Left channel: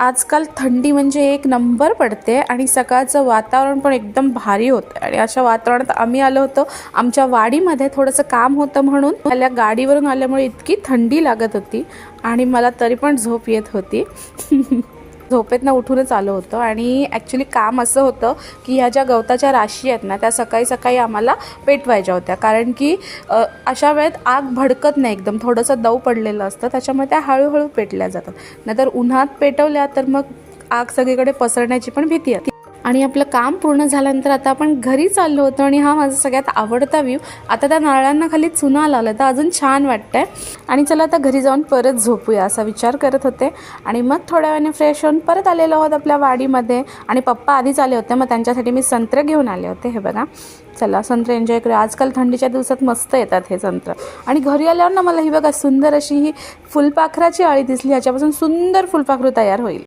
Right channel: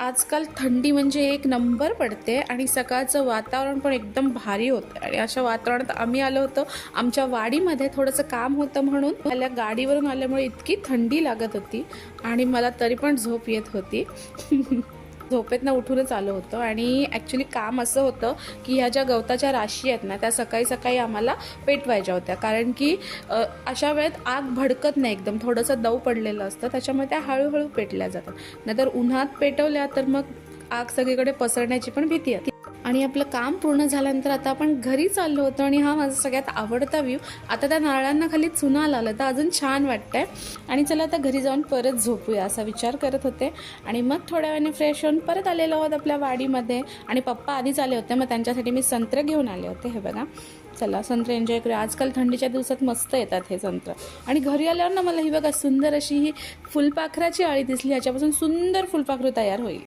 आजकाल थंडी म्हणजे एक नंबर पडते आणि सकाळचं वातावरण पण एकदम भारी होतं आणि अशा वातावरणात आम्ही आलो होतो आमच्या वाडीमध्ये. थोडंसं काम होतं म्हणून मला गाडीवरून आल्यामुळे इतकी थंडी लागत होती आणि मला तरी पण झोप येत होती. झोपेतनं उठूनच आलो होतो आणि ॲक्च्युली काम असं होतं की ह्या ज्या गवताच्या राशी आहेत ना त्या सकाळी सकाळी आम्हाला पेटवायच्या होत्या, कारण की अशा वेळेत आग भडकत नाही, एकदम थोडंसं दव पडलेलं असतं, त्याच्यामुळे त्या हळूहळू पेटल्या जातात. नाहीतर उन्हात पेटवल्या तर मग आग सगळीकडे पसरण्याची पण भीती आहे. आणि आपलं काम पूर्ण झाल्यानंतर आता आपण घरी चाललो होतो आणि हा माझा सगळ्यात आवडता व्ह्यू. आता त्या नारळांना खाली चुना लावलं तर अजून छान वाटतंय आणि चला आता घरी जाऊन परत झोपूया असा विचार करत होते. आणि मग थोड्या वेळाने फ्रेश होऊन परत आलेलो आहोत आपल्या वाडीमध्ये. आणि पप्पा आधीच आले होते, मग त्यांच्यासाठी मी संत्र घेऊन आले होते. हे बघा, चला संत्र एन्जॉय करूया. आजकाल थंडीच्या दिवसात मस्त येतात हे संत्र. आणि घरी आल्यावर ना मला ही बघा सुंदर अशी ही फुलपाखराची आळी दिसली, ह्याच्यापासून सुंदर फुलपाखरू तयार होईल.